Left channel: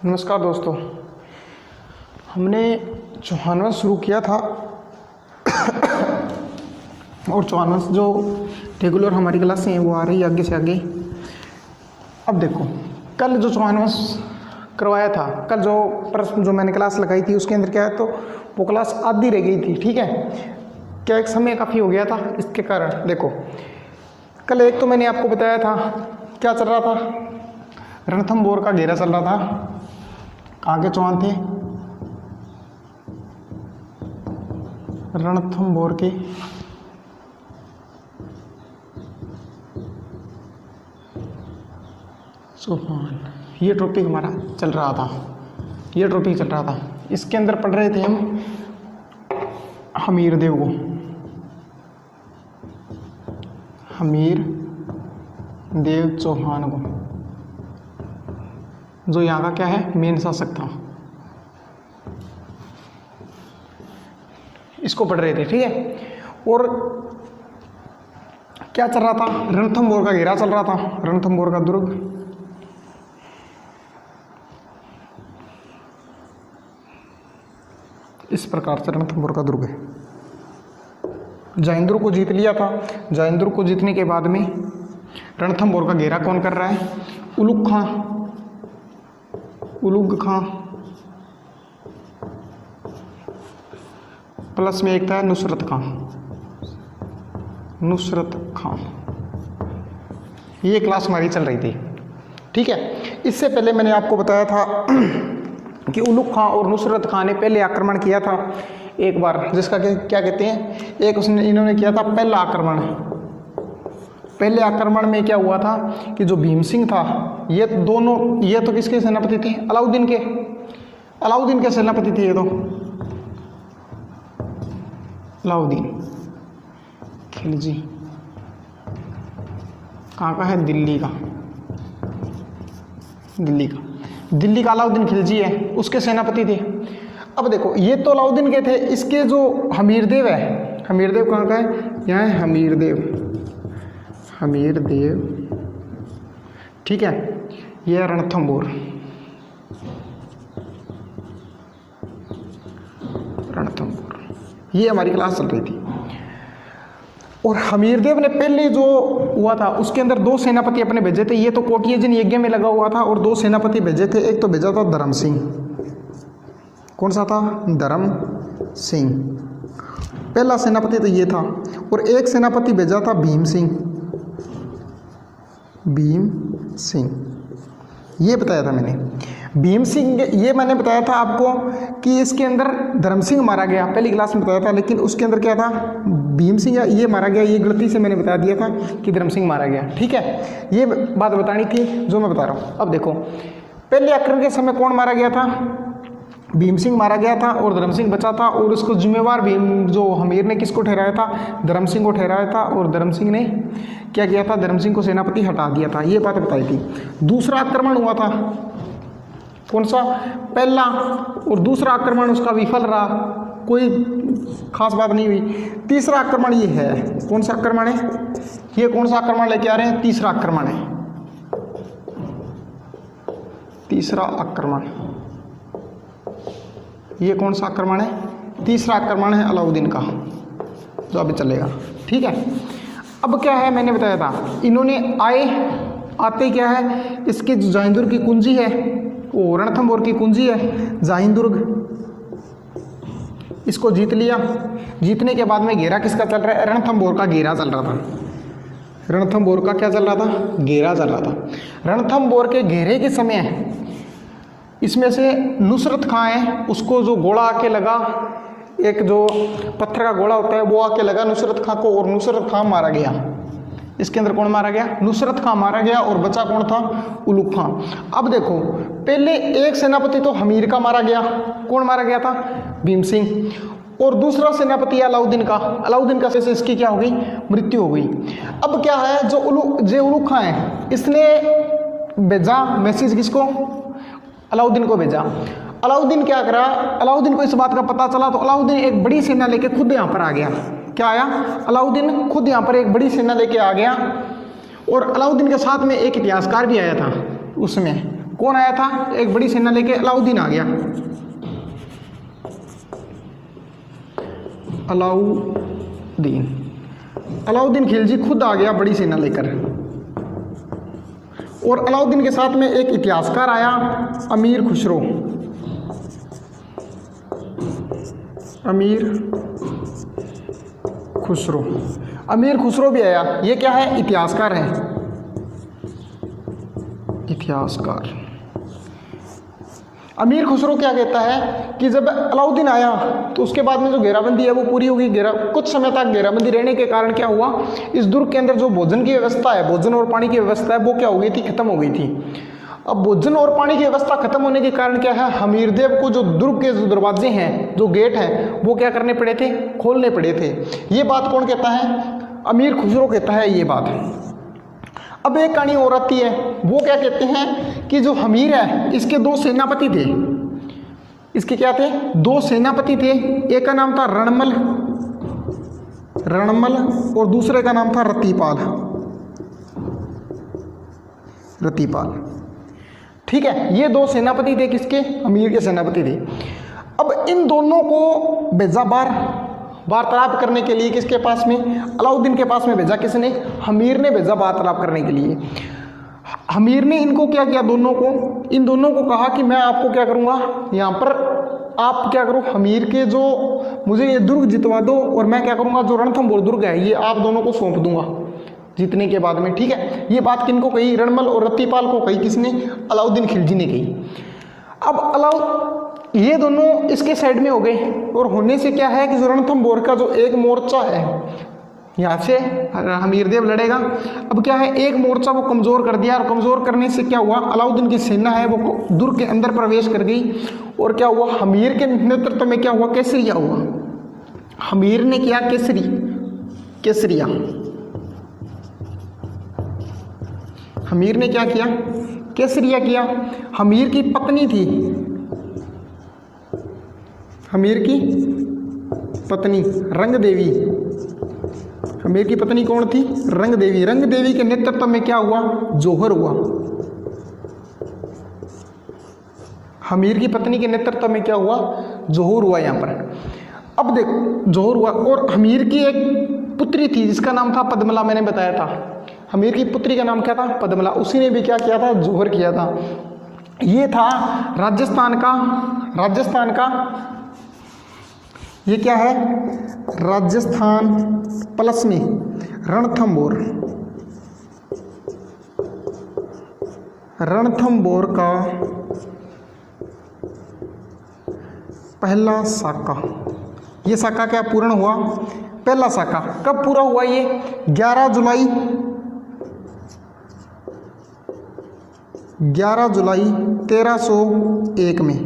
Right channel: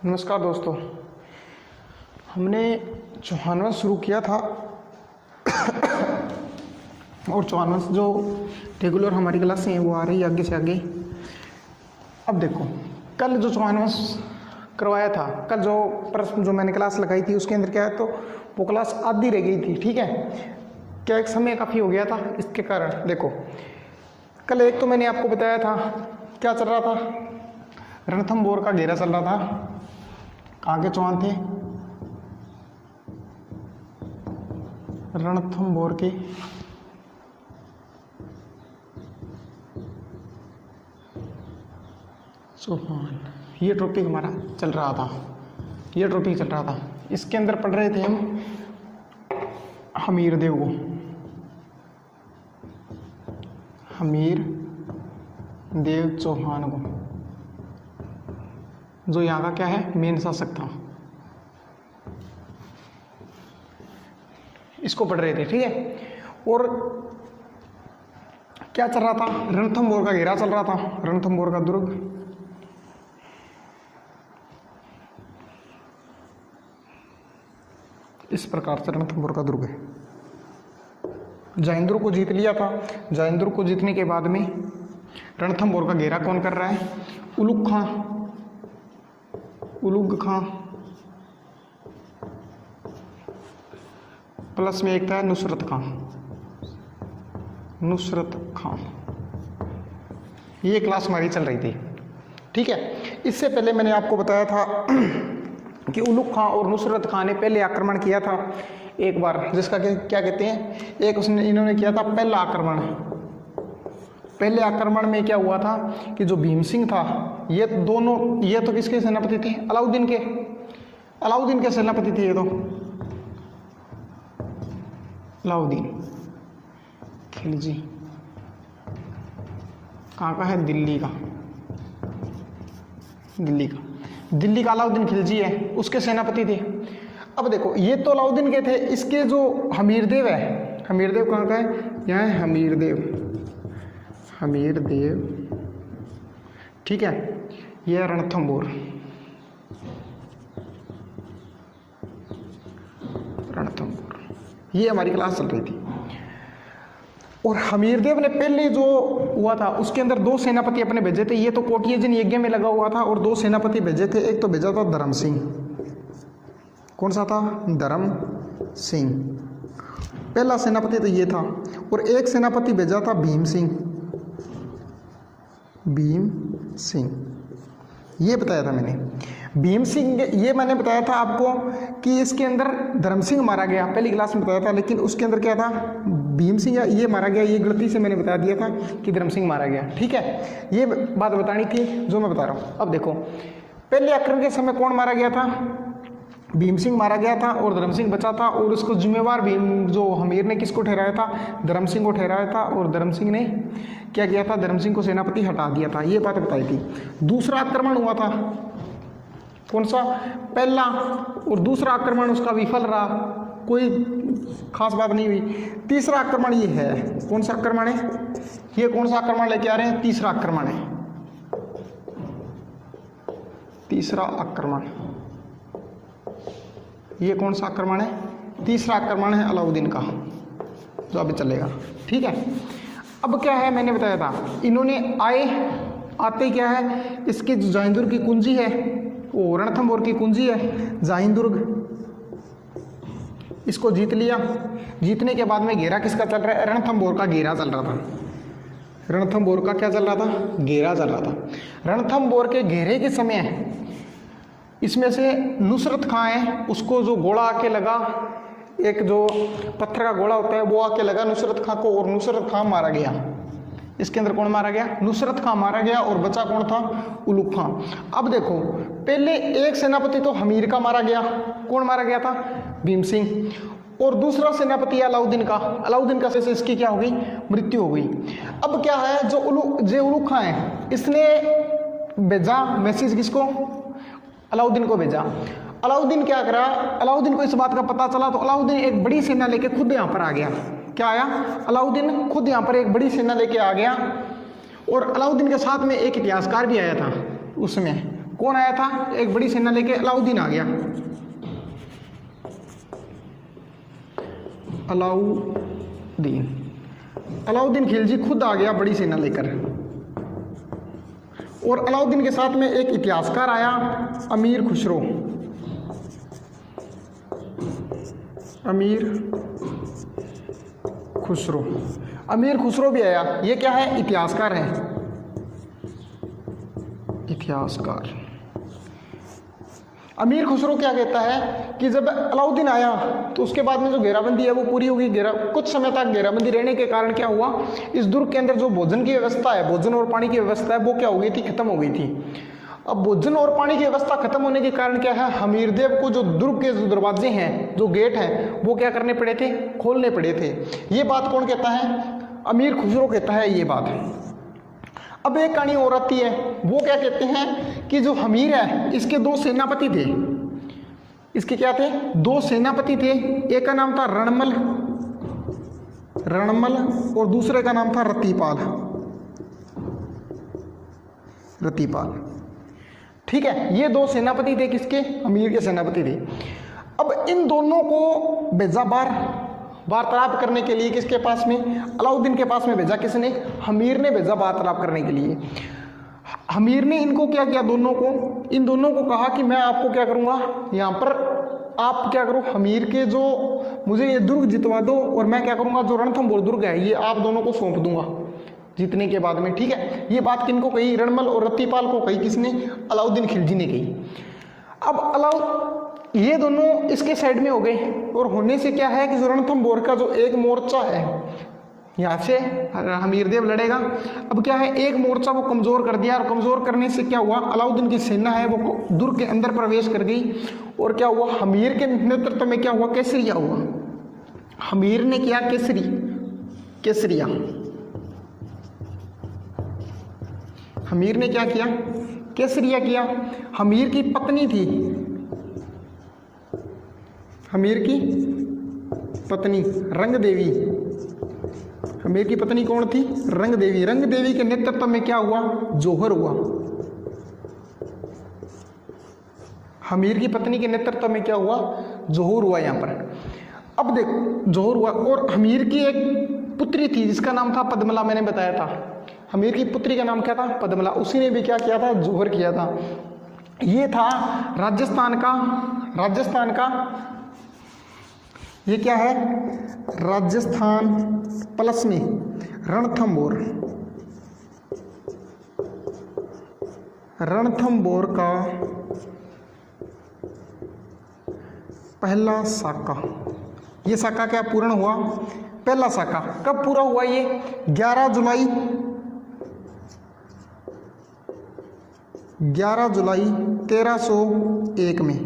नमस्कार दोस्तों, हमने चौहान वंश शुरू किया था और चौहान वंश जो रेगुलर हमारी क्लासें हैं वो आ रही है आगे से आगे। अब देखो, कल जो चौहान वंश करवाया था, कल जो प्रश्न जो मैंने क्लास लगाई थी उसके अंदर क्या है, तो वो क्लास आधी रह गई थी। ठीक है, क्या एक समय काफ़ी हो गया था, इसके कारण देखो कल एक तो मैंने आपको बताया था क्या चल रहा था, रणथंभौर का घेरा चल रहा था। आगे चौहान थे, रणथंभौर के चौहान, ये टॉपिक हमारा चल रहा था, ये टॉपिक चल रहा था। इसके अंदर पढ़ रहे थे हम हमीर देव को, हमीर देव चौहान को, जो यहाँ का क्या है, मेन शासक था। इसको पढ़ रहे थे, ठीक है। और क्या चल रहा था, रणथंभौर का घेरा चल रहा था, रणथंभौर का दुर्ग। इस प्रकार से रणथंभौर का दुर्ग है। जयंद्र को जीत लिया था। जयंद्र को जीतने के बाद में रणथंभौर का घेरा कौन कर रहा है, उलुग खां, उलुग खां प्लस में एक था नुसरत खां, नुसरत खां। ये क्लास हमारी चल रही थी, ठीक है। इससे पहले मैंने आपको बताया था कि उलुग खां और नुसरत खां ने पहले आक्रमण किया था एक बार, जिसका क्या कहते हैं, एक उसने इन्होंने किया था पहला आक्रमण। पहले आक्रमण में क्या हुआ था कि जो भीम सिंह था, ये दोनों, ये तो किसके सेनापति थे, अलाउद्दीन के, अलाउद्दीन के सेनापति थे ये तो, अलाउद्दीन खिलजी। कहाँ का है, दिल्ली का, दिल्ली का, दिल्ली का अलाउद्दीन खिलजी है, उसके सेनापति थे। अब देखो, ये तो अलाउद्दीन के थे, इसके जो हमीरदेव है, हमीरदेव कहाँ का है, यहाँ है हमीरदेव, हमीरदेव, ठीक है। यह रणथंभौर, रणथंभौर, ये हमारी क्लास चल रही थी। और हमीरदेव ने पहले जो हुआ था उसके अंदर दो सेनापति अपने भेजे थे। ये तो कोटियजन यज्ञ में लगा हुआ था, और दो सेनापति भेजे थे। एक तो भेजा था धर्म सिंह, कौन सा था, धर्म सिंह, पहला सेनापति तो ये था। और एक सेनापति भेजा था भीम सिंह, भीम सिंह, ये बताया था मैंने। भीम सिंह, ये मैंने बताया था आपको कि इसके अंदर धर्म सिंह मारा गया, पहली क्लास में बताया था, लेकिन उसके अंदर क्या था, भीम सिंह ये मारा गया। ये गलती से मैंने बता दिया था कि धर्म सिंह मारा गया, ठीक है। ये बात बतानी थी जो मैं बता रहा हूँ। अब देखो, पहले आक्रमण के समय कौन मारा गया था, भीम सिंह मारा गया था और धर्म सिंह बचा था। और इसको जिम्मेवार भीम, जो हमीर ने किसको ठहराया था, धर्म सिंह को ठहराया था। और धर्म सिंह ने क्या किया था, धर्म सिंह को सेनापति हटा दिया था, ये बात बताई थी। दूसरा आक्रमण हुआ था, कौन सा, पहला और दूसरा आक्रमण उसका विफल रहा, कोई खास बात नहीं हुई। तीसरा आक्रमण ये है, कौन सा आक्रमण है, ये कौन सा आक्रमण लेके आ रहे हैं, तीसरा आक्रमण है, तीसरा आक्रमण, ये कौन सा आक्रमण है, तीसरा आक्रमण है अलाउद्दीन का, जो अभी चलेगा, ठीक है। अब क्या है, मैंने बताया था, इन्होंने आते क्या है, इसकी जो जयंदुर्ग की कुंजी है, वो रणथंभौर की कुंजी है जयंदुर्ग, इसको जीत लिया। जीतने के बाद में घेरा किसका चल रहा है, रणथंभौर का घेरा चल रहा था। रणथंभौर का क्या चल रहा था, घेरा चल रहा था। रणथंभौर के घेरे के समय इसमें से नुसरत खां है, उसको जो गोला आके लगा, एक जो पत्थर का गोला होता है वो आके लगा नुसरत खां को, और नुसरत खां मारा गया। इसके अंदर कौन मारा गया, नुसरत खां मारा गया, और बचा कौन था, उलुग खां। अब देखो, पहले एक सेनापति तो हमीर का मारा गया, कौन मारा गया था, भीम सिंह। और दूसरा सेनापति अलाउद्दीन का, अलाउद्दीन का से इसकी क्या हो गई, मृत्यु हो गई। अब क्या है, जो उलुग खां है, इसने भेजा मैसेज किसको, अलाउद्दीन को भेजा। अलाउद्दीन क्या करा, अलाउद्दीन को इस बात का पता चला तो अलाउद्दीन एक बड़ी सेना लेके खुद यहाँ पर आ गया। क्या आया, अलाउद्दीन खुद यहाँ पर एक बड़ी सेना लेके आ गया। और अलाउद्दीन के साथ में एक इतिहासकार भी आया था उसमें, कौन आया था? एक बड़ी सेना लेके अलाउद्दीन आ गया। अलाउद्दीन खिलजी खुद आ गया बड़ी सेना लेकर। और अलाउद्दीन के साथ में एक इतिहासकार आया, अमीर खुसरो। अमीर खुसरो भी आया। ये क्या है? इतिहासकार है। इतिहासकार अमीर खुसरो क्या कहता है कि जब अलाउद्दीन आया तो उसके बाद में जो घेराबंदी है वो पूरी होगी। कुछ समय तक घेराबंदी रहने के कारण क्या हुआ, इस दुर्ग के अंदर जो भोजन की व्यवस्था है, भोजन और पानी की व्यवस्था है, वो क्या हो गई थी? खत्म हो गई थी। अब भोजन और पानी की व्यवस्था खत्म होने के कारण क्या है, हमीरदेव को जो दुर्ग के जो दरवाजे हैं, जो गेट हैं, वो क्या करने पड़े थे? खोलने पड़े थे। ये बात कौन कहता है? अमीर खुसरो कहता है ये बात। अब एक कहानी और आती है, वो क्या कहते हैं कि जो हमीर है इसके दो सेनापति थे। इसके क्या थे? दो सेनापति थे। एक का नाम था रणमल और दूसरे का नाम था रतिपाल। ठीक है, ये दो सेनापति थे। किसके? अमीर के सेनापति थे। अब इन दोनों को भेजा वार्तालाप करने के लिए किसके पास में? अलाउद्दीन के पास में भेजा। किसने? हमीर ने भेजा वार्तालाप करने के लिए। हमीर ने इनको क्या किया? इन दोनों को कहा कि मैं आपको क्या करूंगा, यहाँ पर आप क्या करो, हमीर के जो मुझे ये दुर्ग जितवा दो और मैं क्या करूंगा, जो रणथंभौर दुर्ग है ये आप दोनों को सौंप दूंगा जीतने के बाद में। ठीक है, ये बात किनको कही? रणमल और रतिपाल को कही। किसने? अलाउद्दीन खिलजी ने कही। अब ये दोनों इसके साइड में हो गए और होने से क्या है कि जो रणथंभौर का जो एक मोर्चा है, यहाँ से हमीरदेव लड़ेगा। अब क्या है, एक मोर्चा वो कमज़ोर कर दिया और कमज़ोर करने से क्या हुआ, अलाउद्दीन की सेना है वो दुर्ग के अंदर प्रवेश कर गई। और क्या हुआ, हमीर के नेतृत्व में क्या हुआ, केसरिया हुआ। हमीर ने किया केसरिया। हमीर ने क्या किया? केसरिया किया। हमीर की पत्नी थी, हमीर की पत्नी रंगदेवी। हमीर की पत्नी कौन थी? रंगदेवी। रंगदेवी के नेतृत्व में क्या हुआ, जौहर हुआ। हमीर की पत्नी के नेतृत्व में क्या हुआ, जौहर हुआ यहाँ पर। अब देखो जौहर हुआ और हमीर की एक पुत्री थी जिसका नाम था पद्मला, मैंने बताया था। हमीर की पुत्री का नाम क्या था, पद्मला। उसी ने भी क्या किया था, जौहर किया था। ये था राजस्थान का ये क्या है, राजस्थान प्लस में रणथंभौर का पहला साका। ये साका क्या पूर्ण हुआ, पहला साका। कब पूरा हुआ ये, 11 जुलाई 1301 में।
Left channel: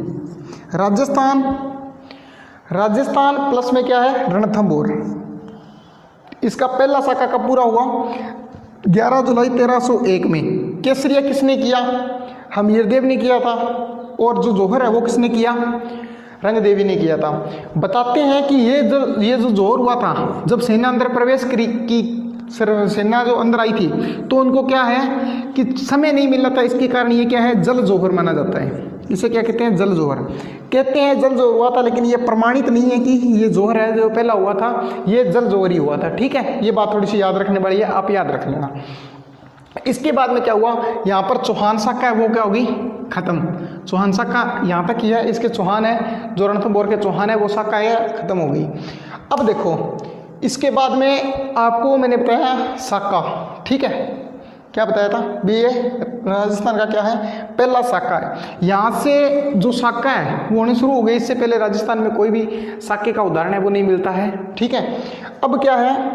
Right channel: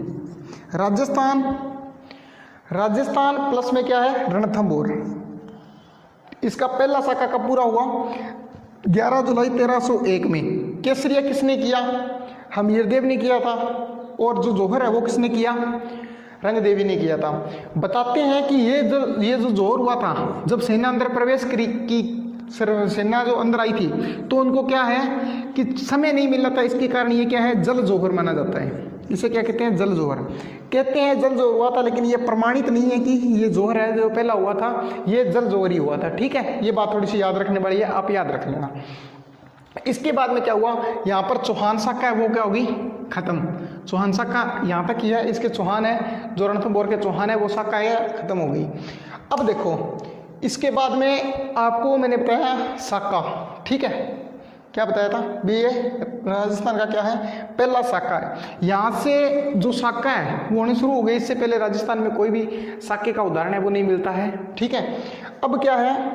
राजस्थान प्लस में क्या है, रणथंभौर। इसका पहला साका कब पूरा हुआ, 11 जुलाई 1301 में। केसरिया किसने किया, हमीरदेव ने किया था। और जो जौहर है वो किसने किया, रंगदेवी ने किया था। बताते हैं कि ये जो जौहर हुआ था, जब सेना अंदर प्रवेश की सेना जो अंदर आई थी तो उनको क्या है कि समय नहीं मिल रहा था। इसके कारण ये क्या है, जल जौहर माना जाता है। इसे क्या कहते हैं, जल जौहर कहते हैं। जल जौहर हुआ था, लेकिन ये प्रमाणित नहीं है कि ये जौहर है जो पहला हुआ था, ये जल जौहर ही हुआ था। ठीक है, ये बात थोड़ी सी याद रखने वाली है, आप याद रख लेना। इसके बाद में क्या हुआ, यहाँ पर चौहान शाखा है वो क्या होगी, खत्म। चौहान शाखा यहाँ तक ही है, इसके चौहान है, जो रणथंभौर के चौहान है वो शाखा है, खत्म हो गई। अब देखो इसके बाद में आपको मैंने बताया शाखा, ठीक है, क्या बताया था भी, ये राजस्थान का क्या है, पहला शाखा है। यहाँ से जो शाखा है वो होने शुरू हो गई। इससे पहले राजस्थान में कोई भी शाखे का उदाहरण है वो नहीं मिलता है। ठीक है, अब क्या है,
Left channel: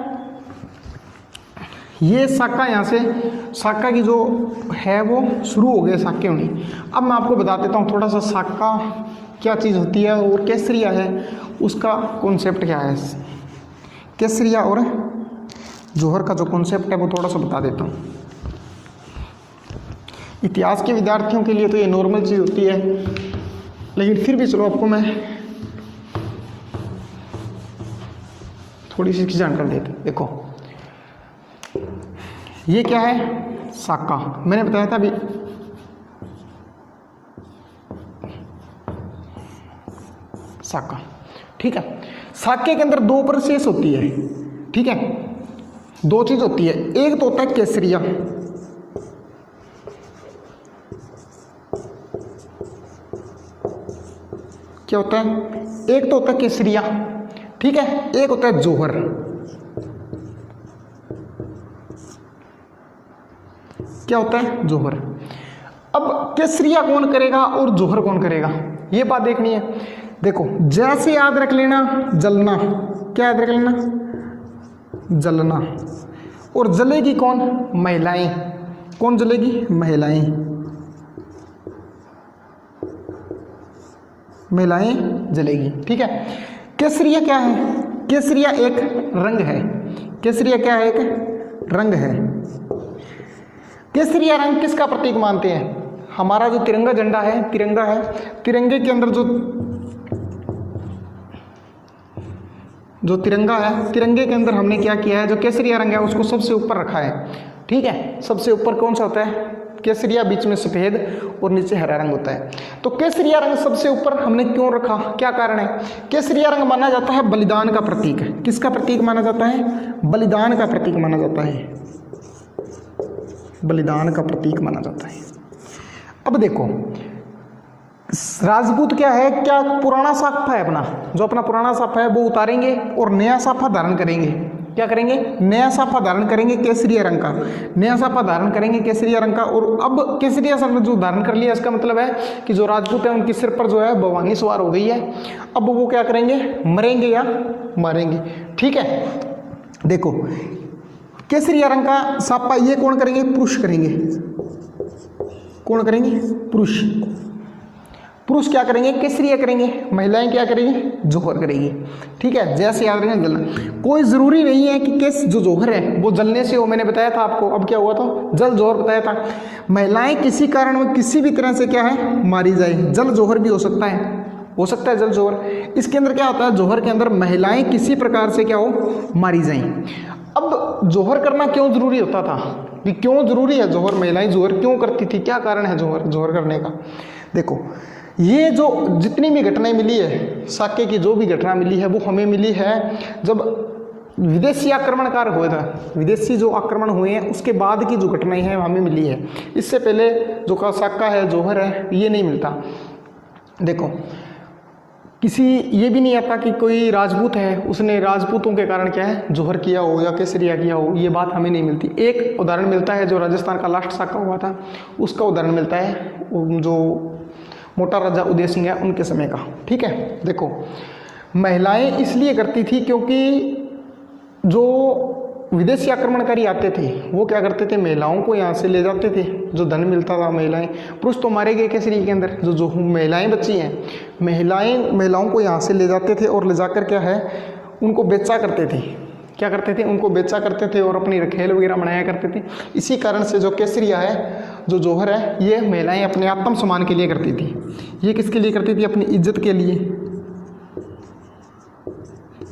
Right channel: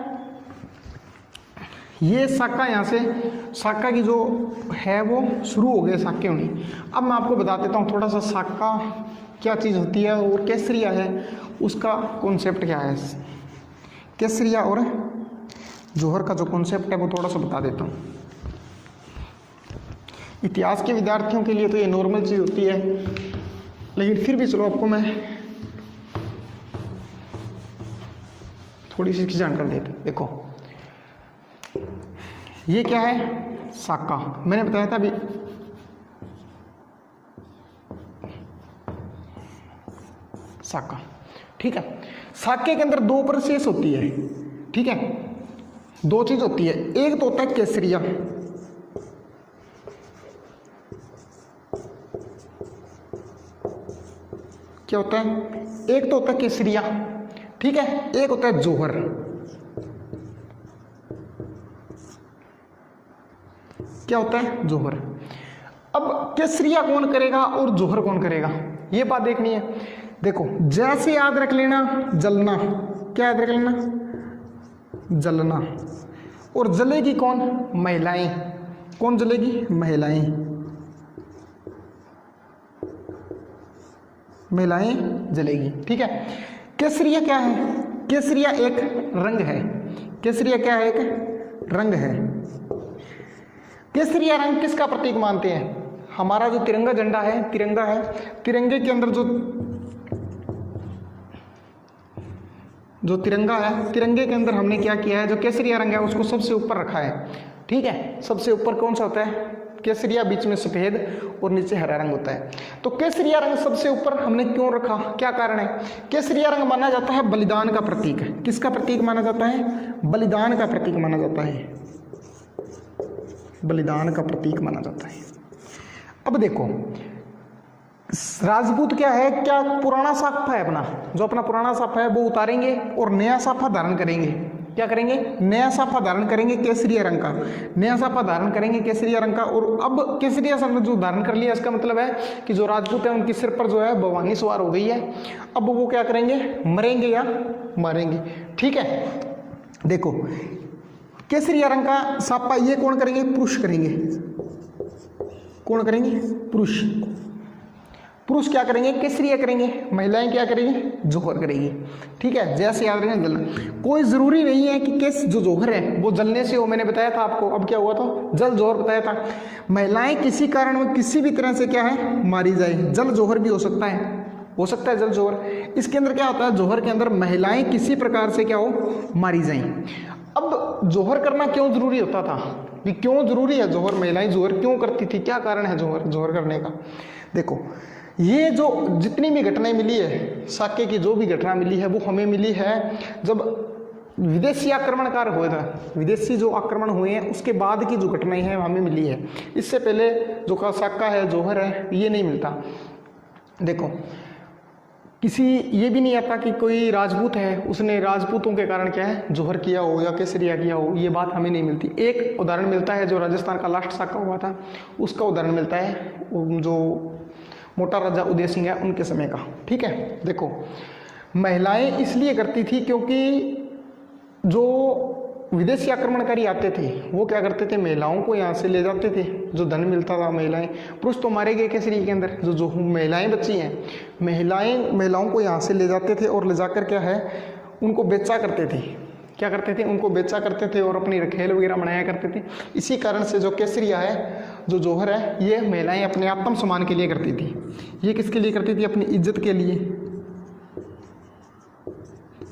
ये शाखा, यहाँ से शाखा की जो है वो शुरू हो गए शाखे होनी। अब मैं आपको बता देता हूँ थोड़ा सा शाखा क्या चीज़ होती है और केसरिया है उसका कॉन्सेप्ट क्या है। केसरिया और जौहर का जो कॉन्सेप्ट है वो थोड़ा सा बता देता हूँ। इतिहास के विद्यार्थियों के लिए तो ये नॉर्मल चीज़ होती है, लेकिन फिर भी चलो आपको मैं थोड़ी सी जानकारी देता हूँ। देखो ये क्या है, शाखा। मैंने बताया था अभी साका। ठीक है, साके के अंदर दो प्रोसेस होती है। ठीक है, दो चीज होती है, एक तो होता है केसरिया, क्या होता है, एक तो होता है केसरिया, ठीक है, एक होता है जोहर। क्या होता है, जोहर। अब केसरिया कौन करेगा और जोहर कौन करेगा, ये बात देखनी है। देखो जैसे याद रख लेना, जलना, क्या याद रख लेना, जलना। और जलेगी कौन, महिलाएं। कौन जलेगी, महिलाएं, महिलाएं जलेगी। ठीक है, केसरिया क्या है, केसरिया एक रंग है, केसरिया क्या है, एक रंग है। केसरिया रंग किसका प्रतीक मानते हैं, हमारा जो तिरंगा झंडा है, तिरंगा है, तिरंगे के अंदर जो तिरंगा है, तिरंगे के अंदर हमने क्या किया है, जो केसरिया रंग है उसको सबसे ऊपर रखा है। ठीक है, सबसे ऊपर कौन सा होता है, केसरिया, बीच में सफेद और नीचे हरा रंग होता है। तो केसरिया रंग सबसे ऊपर हमने क्यों रखा, क्या कारण है, केसरिया रंग माना जाता है बलिदान का प्रतीक है। किसका प्रतीक माना जाता है, बलिदान का प्रतीक माना जाता है, बलिदान का प्रतीक माना जाता है। अब देखो राजपूत क्या है, क्या पुराना साफा है अपना, जो अपना पुराना साफा है वो उतारेंगे और नया साफा धारण करेंगे। क्या करेंगे, नया साफा धारण करेंगे केसरिया रंग का, नया साफा धारण करेंगे केसरिया रंग का। और अब केसरिया रंग जो धारण कर लिया, इसका मतलब है कि जो राजपूत है उनके सिर पर जो है भवानी सवार हो गई है। अब वो क्या करेंगे, मरेंगे या मारेंगे। ठीक है, देखो केसरिया रंग का साफा ये कौन करेंगे, पुरुष करेंगे। कौन करेंगे, पुरुष। पुरुष क्या करेंगे, केसरिया करेंगे, महिलाएं क्या करेंगी, जोहर करेंगी। ठीक है, जैसे याद रखें जलना, कोई जरूरी नहीं है कि केस जो जोहर है वो जलने से हो, मैंने बताया था आपको। अब क्या हुआ था, जल जोहर बताया था। महिलाएं किसी कारण में किसी भी तरह से क्या है, मारी जाए, जल जोहर भी हो सकता है, हो सकता है जल जोहर। इसके अंदर क्या होता है, जोहर के अंदर महिलाएं किसी प्रकार से क्या हो, मारी जाए। अब जोहर करना क्यों जरूरी होता था, ये क्यों जरूरी है जोहर, महिलाएं जोहर क्यों करती थी, क्या कारण है जोहर करने का। देखो ये जो जितनी भी घटनाएं मिली है, साके की जो भी घटना मिली है वो हमें मिली है जब विदेशी आक्रमणकार हुए था, विदेशी जो आक्रमण हुए हैं उसके बाद की जो घटनाएं हैं हमें मिली है। इससे पहले जो साका है, जोहर है, ये नहीं मिलता। देखो किसी ये भी नहीं आता कि कोई राजपूत है उसने राजपूतों के कारण क्या है, जोहर किया हो या केसरिया किया हो, ये बात हमें नहीं मिलती। एक उदाहरण मिलता है जो राजस्थान का लास्ट साका हुआ था, उसका उदाहरण मिलता है जो मोटा राजा उदय सिंह है उनके समय का। ठीक है, देखो महिलाएं इसलिए करती थी क्योंकि जो विदेशी आक्रमणकारी आते थे वो क्या करते थे, महिलाओं को यहाँ से ले जाते थे, जो धन मिलता था। महिलाएं, पुरुष तो मारे गए केसरी के अंदर, जो महिलाएं बची हैं, महिलाओं को यहाँ से ले जाते थे और ले जाकर क्या है, उनको बेचा करते थे। क्या करते थे, उनको बेचा करते थे और अपनी रखेल वगैरह बनाया करते थे। इसी कारण से जो केसरिया है, जो जोहर है, ये महिलाएं अपने आत्म सम्मान के लिए करती थी। ये किसके लिए करती थी, अपनी इज्जत के लिए।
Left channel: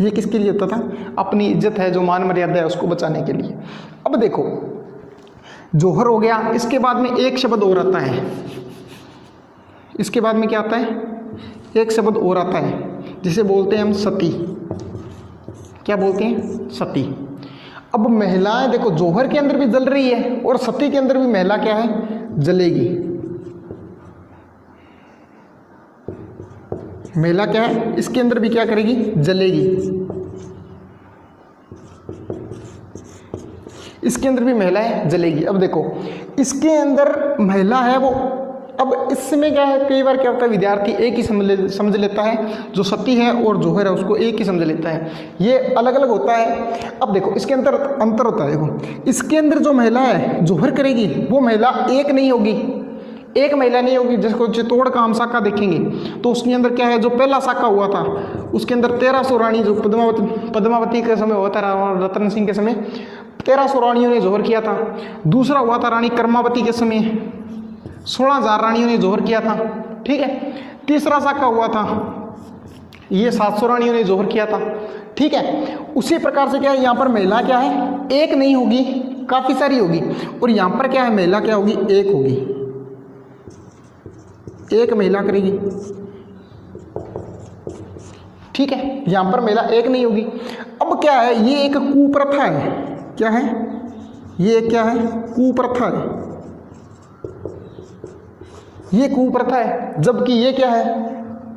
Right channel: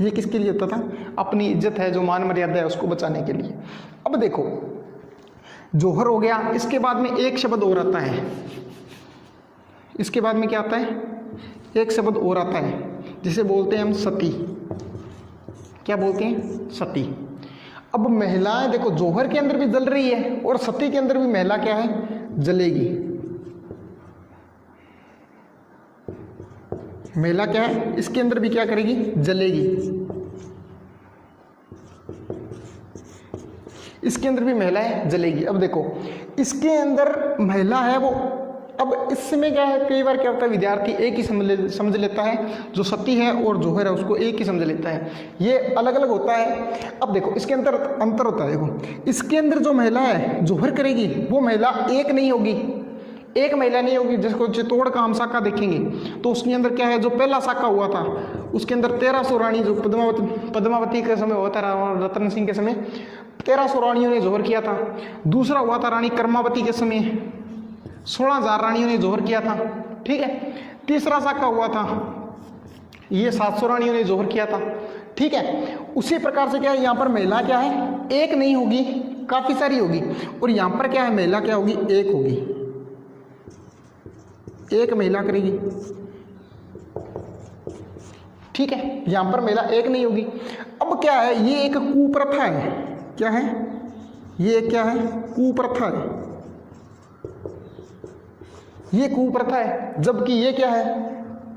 ये किसके लिए होता था, अपनी इज्जत है, जो मान मर्यादा है, उसको बचाने के लिए। अब देखो जोहर हो गया, इसके बाद में एक शब्द और आता है, इसके बाद में क्या आता है, एक शब्द और आता है जिसे बोलते हैं हम सती। क्या बोलते हैं, सती। अब महिलाएं देखो जोहर के अंदर भी जल रही है और सती के अंदर भी महिला क्या है, जलेगी। महिला क्या है, इसके अंदर भी क्या करेगी, जलेगी। इसके अंदर भी महिला है, जलेगी। अब देखो इसके अंदर महिला है वो, अब इसमें क्या है, कई बार क्या होता है, विद्यार्थी एक ही समझ लेता है, जो सती है और जोहर है उसको एक ही समझ लेता है, ये अलग अलग होता है। अब देखो इसके अंदर अंतर होता है। देखो इसके अंदर जो महिला है जोहर करेगी वो महिला एक नहीं होगी, एक महिला नहीं होगी। जिसको चित्तौड़ का हम साका देखेंगे तो उसके अंदर क्या है, जो पहला साका हुआ था उसके अंदर 1300 रानी, जो पद्मावती के समय हुआ था, रतन सिंह के समय 1300 रानियों ने जोहर किया था। दूसरा हुआ था रानी कर्मावती के समय, 16,000 रानियों ने जोहर किया था। ठीक है, तीसरा साका हुआ था, ये 700 रानियों ने जोहर किया था। ठीक है, उसी प्रकार से क्या है, यहाँ पर महिला क्या है, एक नहीं होगी, काफी सारी होगी। और यहाँ पर क्या है, महिला क्या होगी, एक होगी, एक महिला करेगी। ठीक है, यहाँ पर महिला एक नहीं होगी। अब क्या है, ये एक कुप्रथा है। क्या है ये? क्या है? कुप्रथा है। ये कुप्रथा है, जबकि ये क्या है,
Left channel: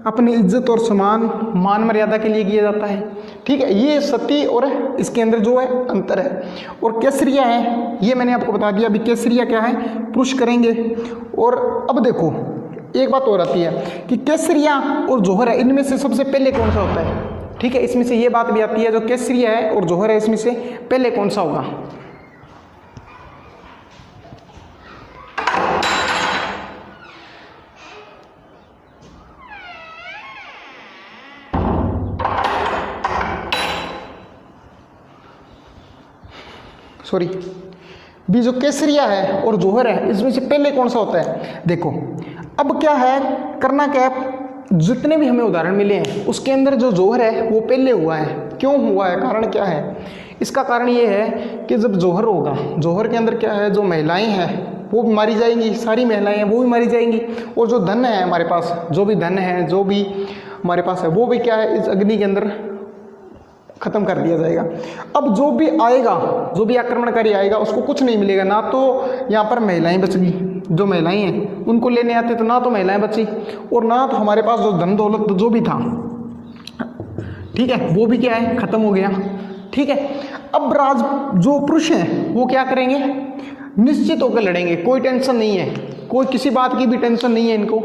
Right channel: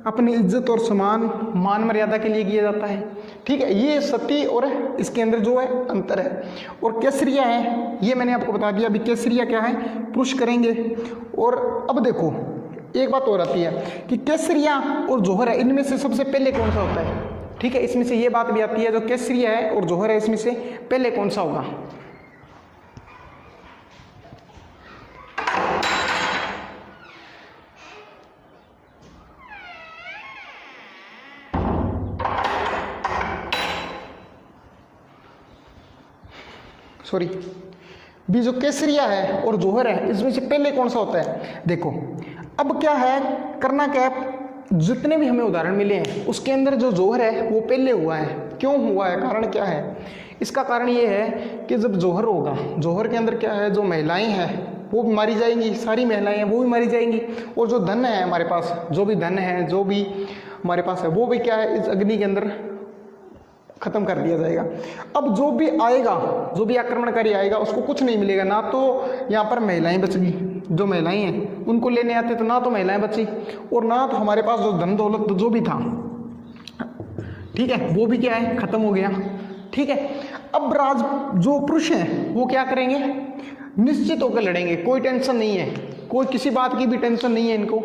अपनी इज्जत और सम्मान मान मर्यादा के लिए किया जाता है। ठीक है, ये सती और इसके अंदर जो है अंतर है। और केसरिया है, ये मैंने आपको बता दिया। अभी केसरिया क्या है, पुरुष करेंगे। और अब देखो एक बात और आती है कि केसरिया और जौहर है, इनमें से सबसे पहले कौन सा होता है। ठीक है, इसमें से ये बात भी आती है, जो केसरिया है और जौहर है, इसमें से पहले कौन सा होगा। सॉरी, भी जो केसरिया है और जौहर है, इसमें से पहले कौन सा होता है। देखो अब क्या है, करना क्या है, जितने भी हमें उदाहरण मिले हैं उसके अंदर जो जौहर है वो पहले हुआ है। क्यों हुआ है, कारण क्या है? इसका कारण ये है कि जब जौहर होगा, जौहर के अंदर क्या है, जो महिलाएं हैं वो भी मारी जाएंगी, सारी महिलाएं हैं वो भी मारी जाएंगी। और जो धन है हमारे पास, जो भी धन है, जो भी हमारे पास है, वो भी क्या है, इस अग्नि के अंदर खत्म कर दिया जाएगा। अब जो भी आएगा, जो भी आक्रमणकारी आएगा, उसको कुछ नहीं मिलेगा। ना तो यहाँ पर महिलाएं बचगी, जो महिलाएं हैं उनको लेने आते तो ना तो महिलाएं बची, और ना तो हमारे पास जो धन दौलत जो भी था, ठीक है, वो भी क्या है, खत्म हो गया। ठीक है, अब जो पुरुष हैं वो क्या करेंगे, निश्चित होकर लड़ेंगे, कोई टेंशन नहीं है, कोई किसी बात की भी टेंशन नहीं है इनको।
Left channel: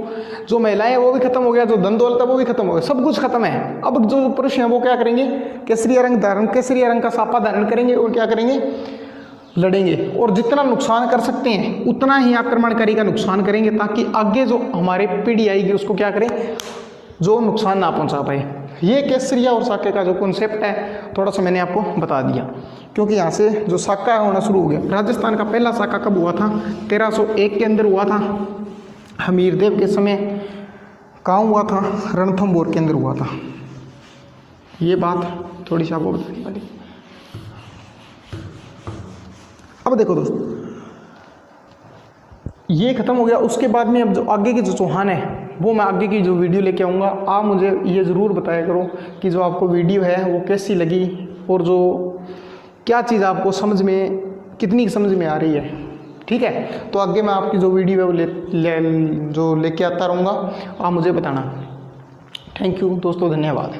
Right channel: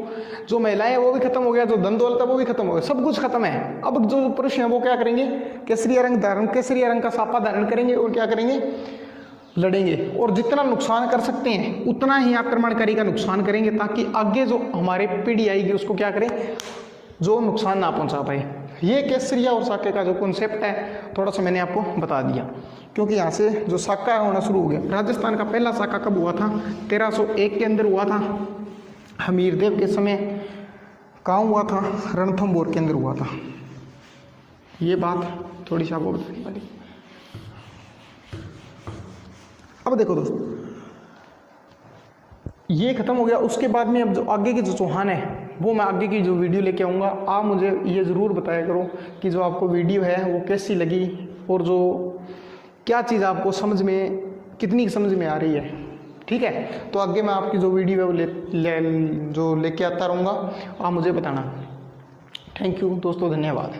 जो महिलाएं हैं वो भी खत्म हो गया, जो धन दौलत है वो भी खत्म हो गया, सब कुछ खत्म है। अब जो पुरुष हैं वो क्या करेंगे, केसरिया रंग का साफा धारण करेंगे और क्या करेंगे, लड़ेंगे। और जितना नुकसान कर सकते हैं उतना ही आक्रमणकारी का नुकसान करेंगे, ताकि आगे जो हमारे पीढ़ी आएगी उसको क्या करें, जो नुकसान ना पहुंचा पाए। ये केसरिया और साके का जो कॉन्सेप्ट है थोड़ा सा मैंने आपको बता दिया, क्योंकि यहाँ से जो साका होना शुरू हो गया। राजस्थान का पहला साका कब हुआ था, 1301 के अंदर हुआ था, हमीरदेव के समय। कहाँ हुआ था, रणथंभौर के अंदर हुआ था। ये बात थोड़ी सी आपको बताने वाली। अब देखो दोस्तों, ये खत्म हो गया। उसके बाद में अब जो आगे के जो चौहान है वो मैं आगे की जो वीडियो लेके आऊँगा। आप मुझे ये ज़रूर बताया करो कि जो आपको वीडियो है वो कैसी लगी, और जो क्या चीज़ आपको समझ में, कितनी समझ में आ रही है। ठीक है, तो आगे मैं आपकी जो वीडियो है वो लेके आता रहूँगा, आप मुझे बताना। थैंक यू दोस्तों, धन्यवाद।